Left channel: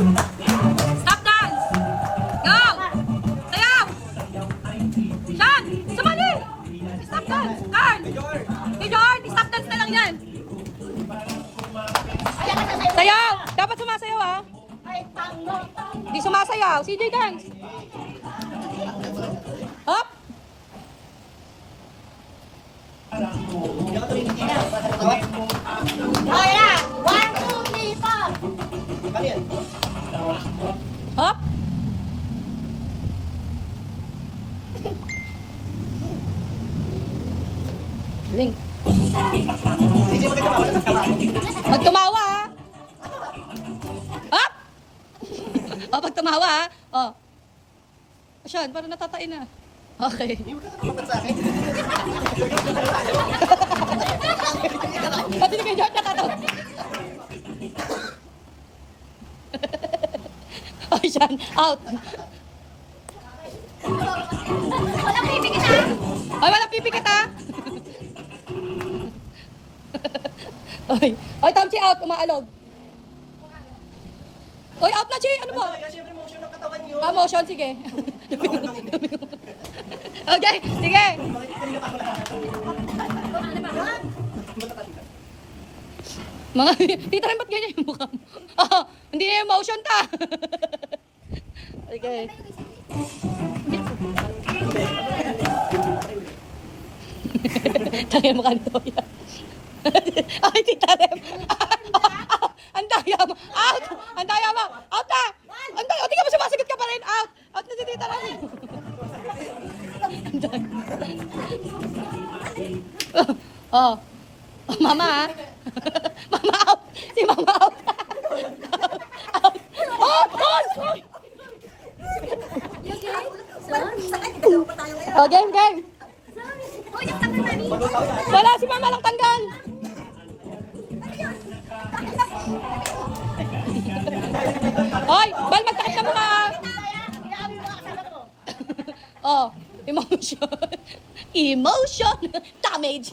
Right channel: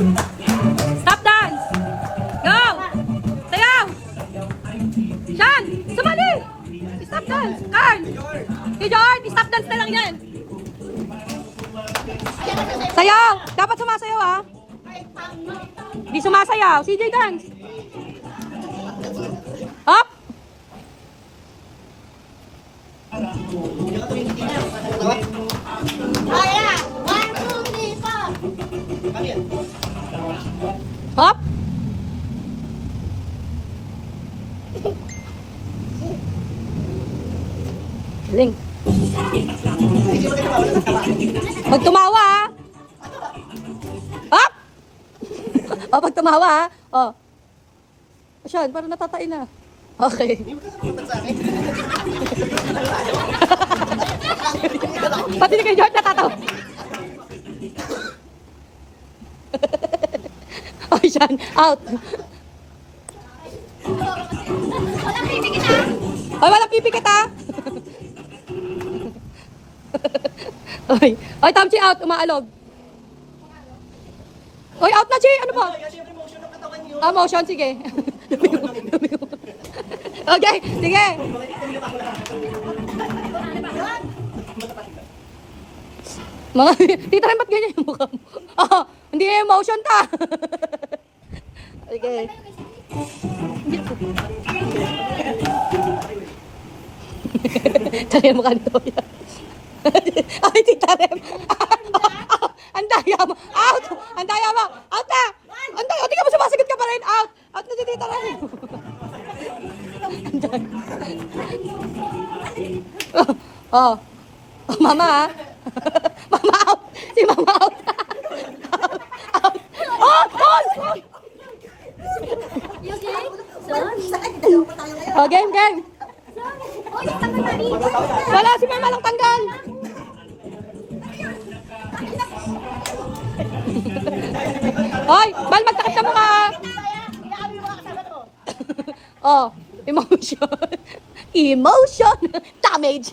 Stop dance! Go! Sayaw! Yan! Sumali! Stop dance! Carl! Si Jorn! Stop dance na lang yan! Sayaw! Dapat sumasayaw ha! Di sumasayaw! CJ dance! Hop! Kaya! 1, 2, 3, 4! Hop! Galing. Pag tumawa ha. Hop! O, pag tumawa ha. O. Siyan, parang natatain na. Okay. Pati ni kay George natatawa. Okay, Siyan. Out. Walang pipikit ha! Ay, walang pipikit ha. Oy, oy, Tamchi out, umaalog. Oy, out na, Chi. Ano ba? Siyempre, motion ng katawan yun. Ah, motion, sige. Okay, sige. Mga, tita, ba't ganyan yung mukha mo? Oh, hindi na yung motion ta. Sige. Tara yung mukha nito. Ay, tita Rem. Ang daya mo. Out! Ang daya mo. Out na! Ang daya. Hindi ka mo sumasagot ka pa rin. Out! Out na si tita Rem. Oh. Oh, mama ha. Mama out. Si mama out. Out. Out. Out. You okay? Son? Oh, game, game. Oh, yung tangan na rin! Wala si mama lang tanggal. Hoy, man, magtakit ka mukha. Oh, emotion. Emotion. Damage.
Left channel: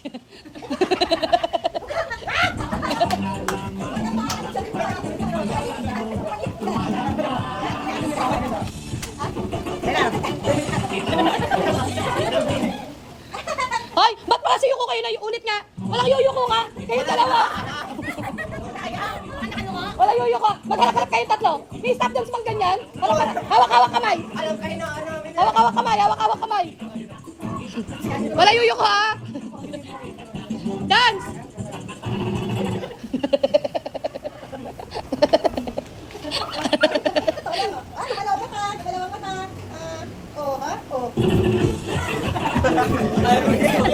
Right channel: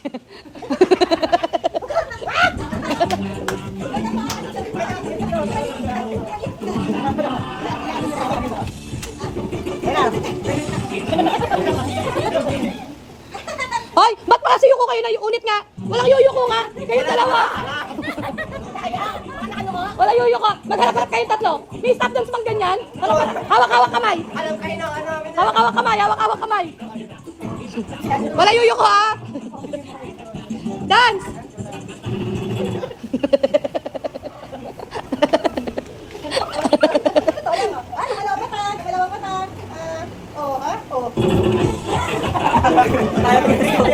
Hoy, ba't makasayuko kayo na yung unit nga? Walang yuyuko nga. Kayo dalawa. Wala yuyuko. Magkakakat kayo tatlo. May stop dance pang ganyan. Hawak-hawak kamay. Alam kayo na, ano, Hawak-hawak kamay. Hawak-hawak kamay. Wala yuyuko ha. Dance.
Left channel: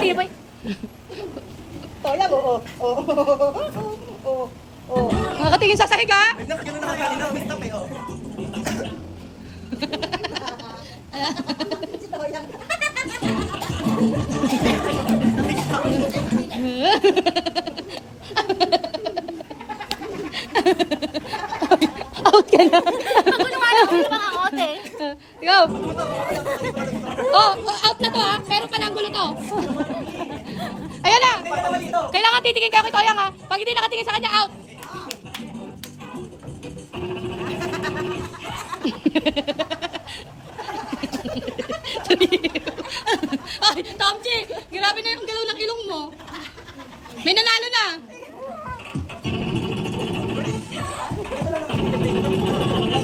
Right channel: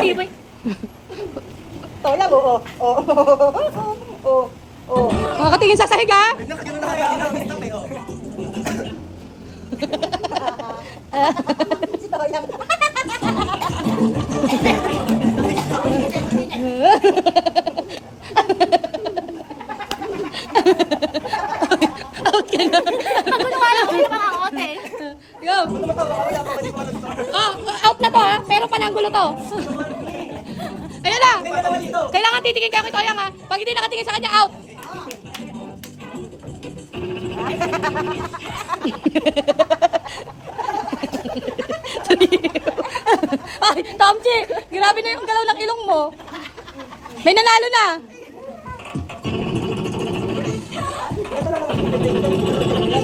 Tibay! Makatingin sa sahig ha. Nakagano na kayo, nakagano na kayo. Out ka na. Ako nung alam ko yung mga ote. Go. Oh, out na to ha. Pero pananggulo to. Ayan na. Kailangan titingin ka kay Toyang ha. Pag hindi nakatingin sa kanya, out. Ay, Tomchi, grabe na yung galaw ng ilong mo. May nanalo na.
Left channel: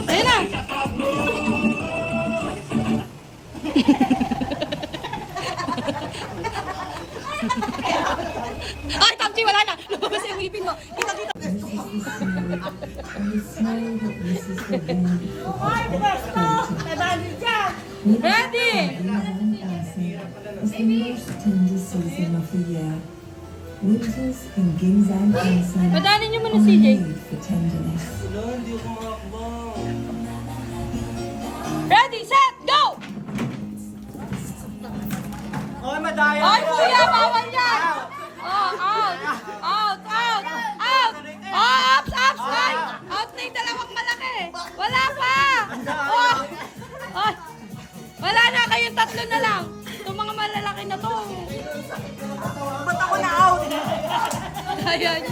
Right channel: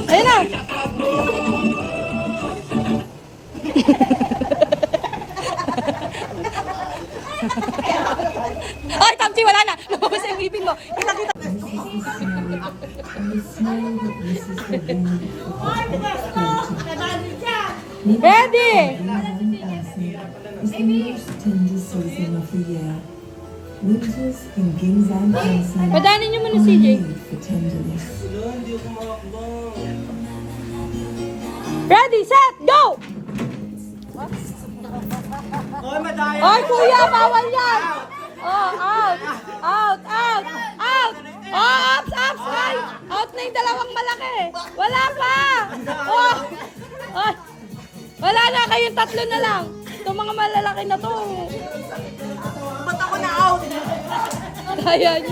Ayan na. Ay, Tomchi, wala na. Lumabas yung ngipin mo. Kita-kita. Ready? Is the most tender season of the year. Winters in Ginzan Hansen Padanin niyo muna, are CJ. made for tenderness. Hindi ako makakbang. Ready, set, go! Oy, madaya. Ay, kuya, bawal yan! Oh, out! Out! Out! Out! Oh, ups! Ups! Right! Out na yung dalawang malaki! Wala pa! Oh! Oh! Wala na, kayong tatlo na lang. Itong mga malalaki na to. Ba't ako na out? Ayan.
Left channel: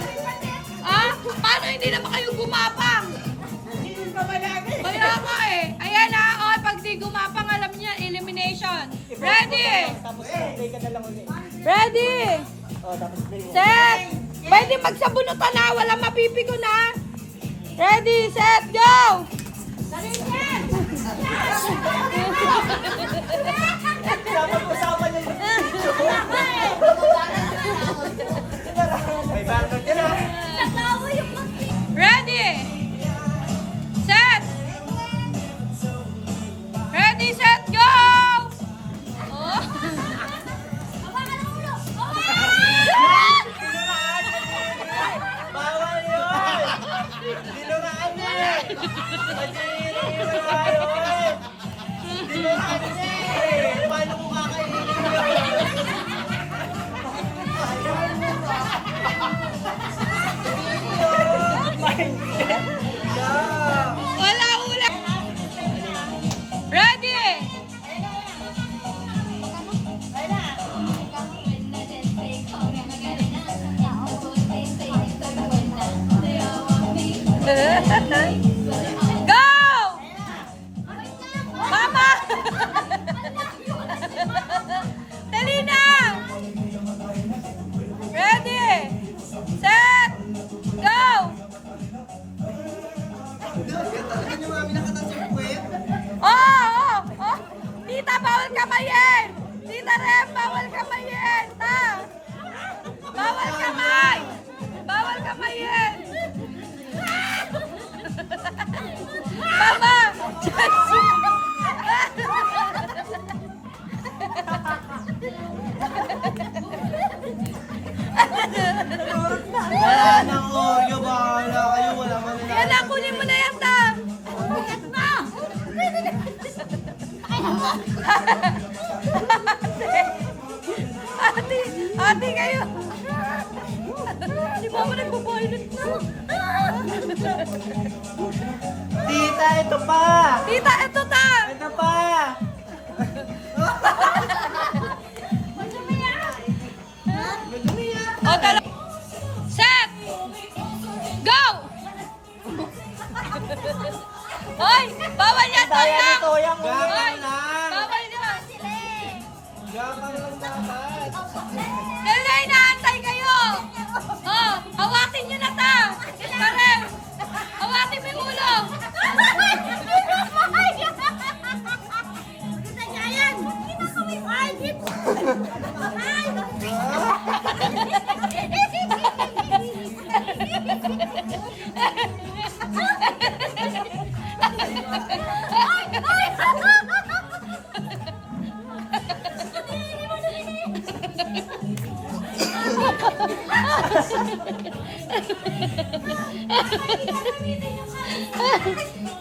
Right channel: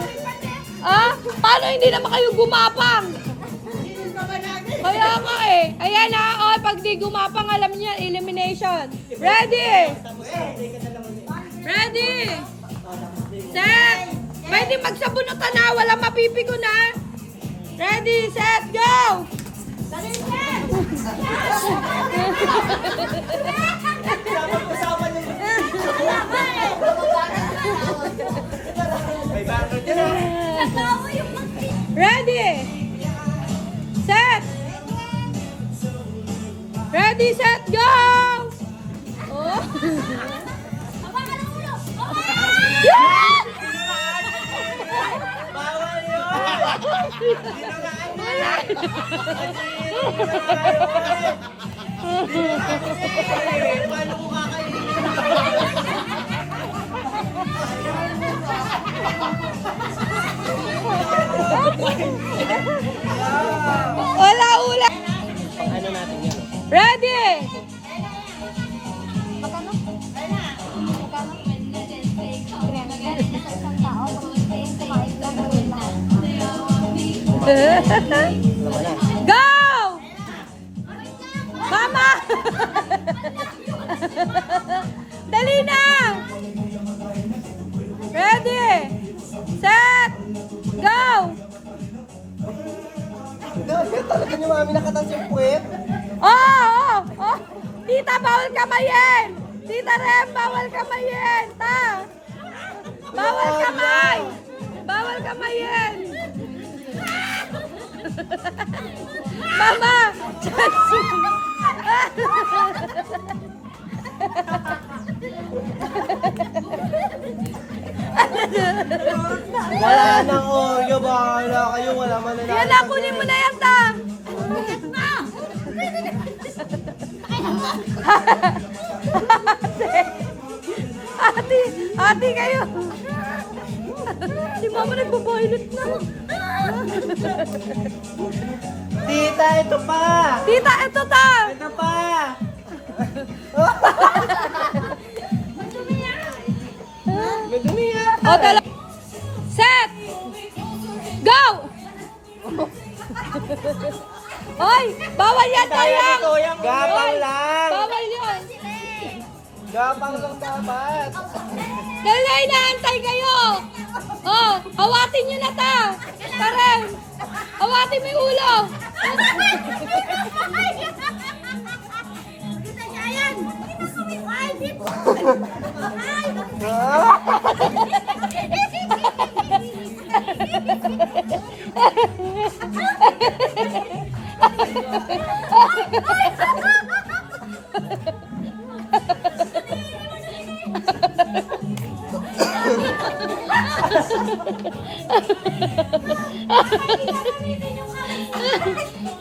Ah? Paano hindi naman kayo gumapang? Hindi ka ba na di gumapang, alam niya, elimination. Ready? Ready? Set! Pwede magsabunutan na, walang mapipigo na. Ready, set, go! Dapat-usapan yung may banner dyan ah. Ready? Set! Ready, set, go! Oh. Bawal yun! Dinuraan eh! Paano ko kakainin? Wala ulan! Ready? Go! Mama! Dali na! Ready? Set! Go! Talaga niyo mami nakatan sa puwet? Oh! Tita, bawal kamayin! Tita Rem, bawal kamayin! Ta! Bawal kamay! Bawal kamayin! Mama! Wala nang Oreo, bahala kayo, wala man na Yan na, kunin mo na yan, ta! Ate kayo! Si mama nagpo-pilot na! Tita, ito pa! Tita, ito ta! Ito pa! Madumi yan! O, set! Go! Ay! Bawal yan, toyang! Gapang lang! Bawal yan! Gapang lang dapat! Dali, inaantay kayo! Oh, hawatin nyo na ta! Karen! Hawatin mo yung ulo!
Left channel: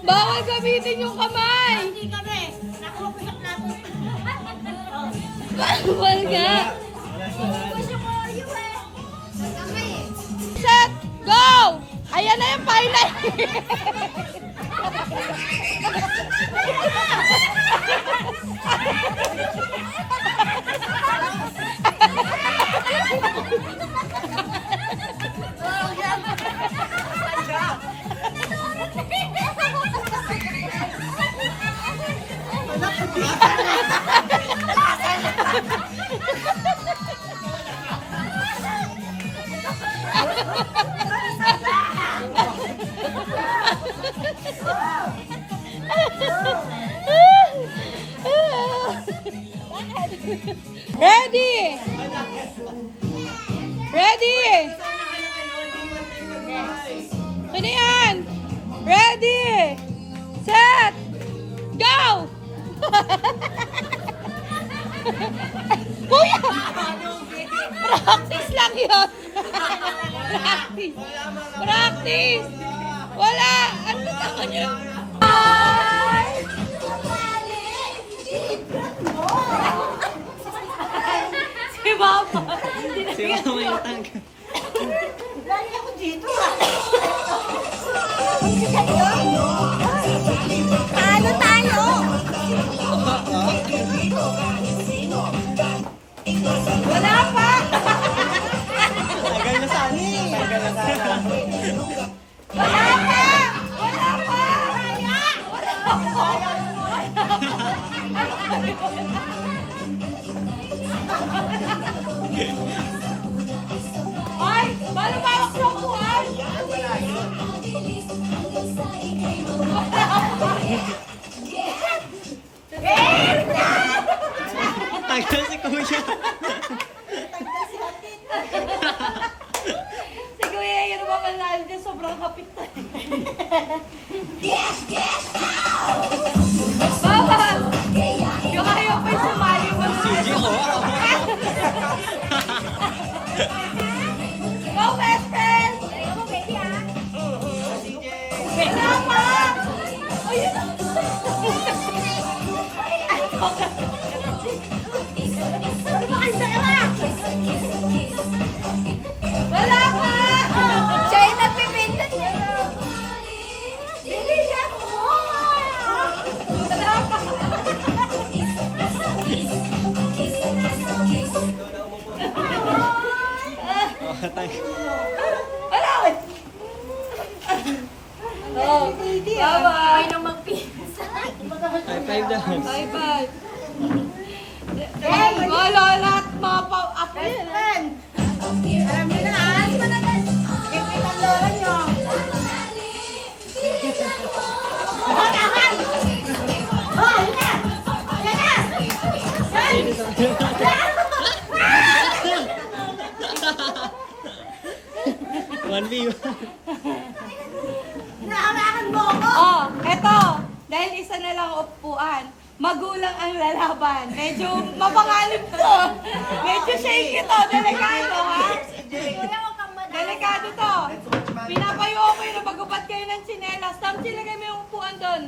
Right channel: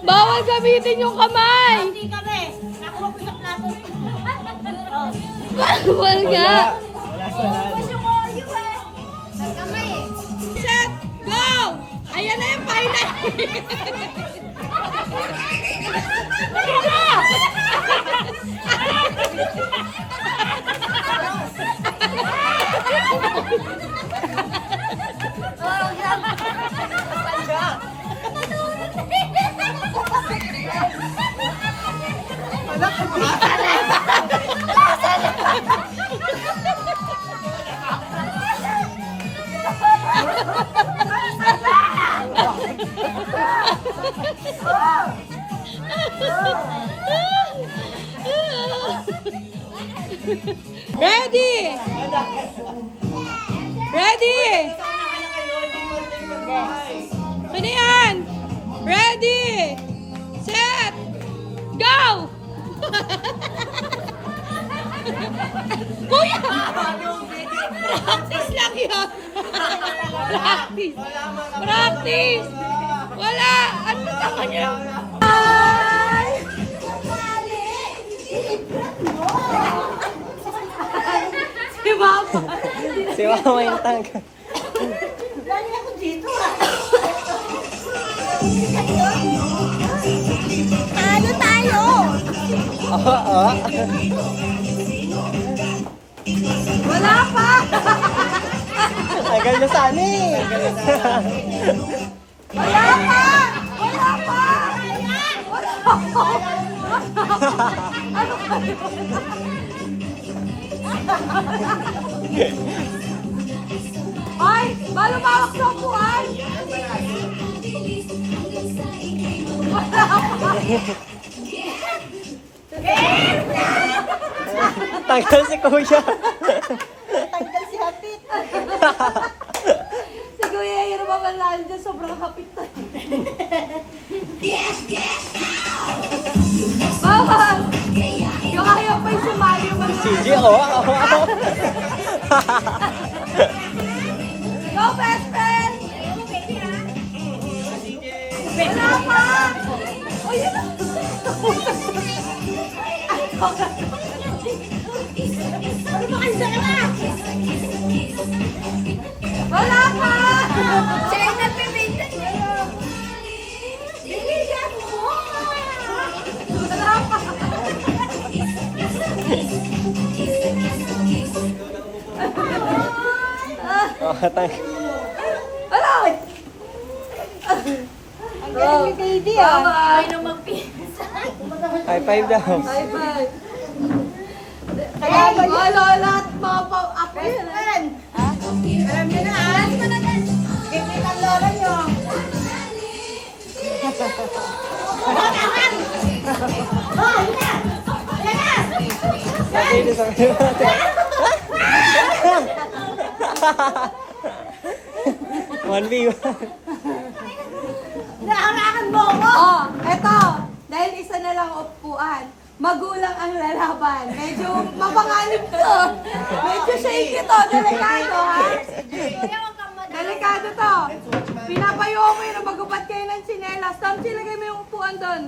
Bawal gamitin yung kamay! Hindi kami. Nakuha ko yung plato. Bawal nga! Gusto mo Oreo eh. Kamay eh. Set! Go! Ayan na yung final! Ready! Ready! Ano yan? Ready! Set! Go! Kuya! Practice lang yun! Practice! Practice! Wala! Ano ako niyo? Bye! Si Mama! Si Mama yung tangka. Galing ako dito. Talo tayo. Wala pa! Tagal na sana eh. Tagal na sana. Wala pa! Wala pa! Wala pa! Ano ba yun? Ay! Malumawak sa upuan! Tagal si Kuya. Tanggal si Hapit. Si Kuya Hiro ba manalo dyan? Sobrang kapit na. Mama! Yung ayaw pa yung sumali mo. CJ, oh. Go, best friend! Ayaw mo, baby, ha? Wala pa! Oh, yun na. Ano ba kayo sa iba? Wala pa! Siya yung nagbibenta niya. Baby, siya ako. Wala pa! Oh, Wala! Go! Bye-bye! Ay, nung magpisa. high five daw. Bye-bye! Hey! Wala lahat mga pa-upin! Alam niyo na, ha? Kikit ang lola niyo. Oh, yun na! Yan na! Sino sa... 1v1. Naharangan mo ako! Oh, eto! Dahil isa na lang upuan, magulang ang lalaban. Medyo mapangalim to. Medyo shaky to. Delikado, ha? Kuya, huwag kang madami. Delikado to. Pinapayo ko yun na magubat kayo ng sinelas. Tapos silagay mo yung upuan doon.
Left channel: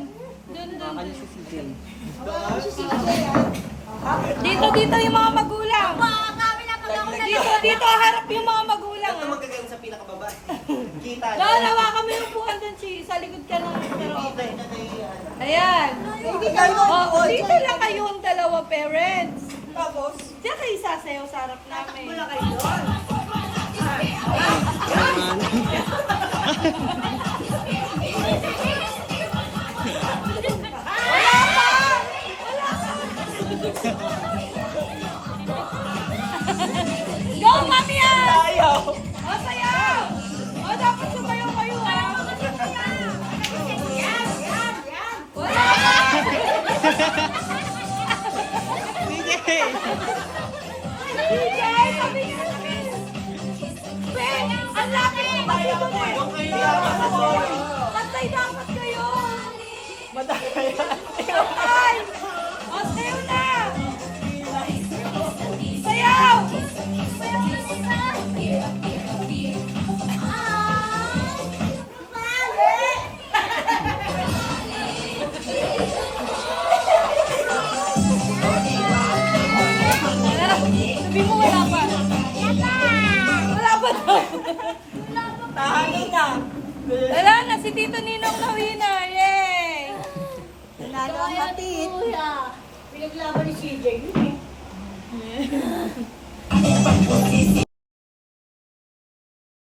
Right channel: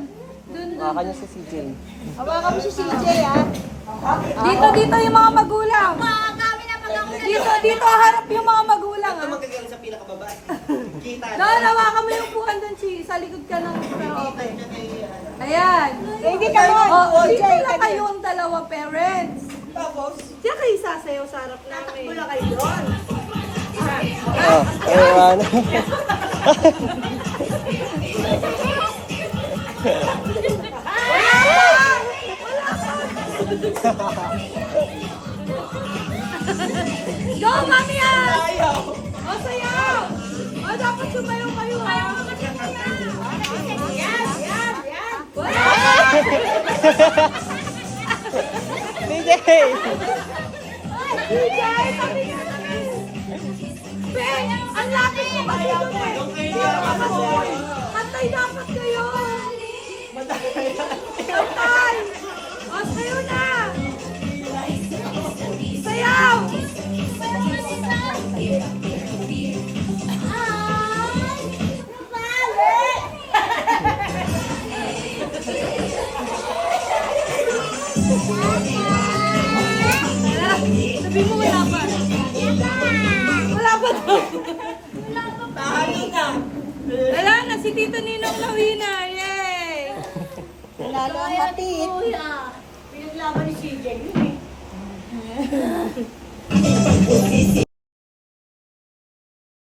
Doon. Kanya si CJ. Hawakan mo si CJ, ha? Dito yung mga magulang. Makakami na pag ako Dito harap yung mga magulang. Ito magkagaling sa pinakababa. Kita. Doon, hawakan mo yung upuan doon, Chi. Sa likod ka ng pero okay. Ayan. Oh, dito na kayong dalawa parents. Tapos? Diyan kayo sasayaw sa harap namin. Wala kayo doon. Oh, ewan. Go, mami! Sayaw! O, sayaw! O, dapat sumayaw kayo, ha? Yan, yan, yan. Wala! CJ! DJ, sabi niya namin. Ben, ang lapit mo ba dito, Ben? Kantay dapat kayo. Kantay! O, sayaw na! Sayaw! Sabi mo wala pa. Wala pa daw. Wala na, si Tito Ninong na winner. Yay! Nanalo ang Hapit. Kuya, pinaglaban ni CJ.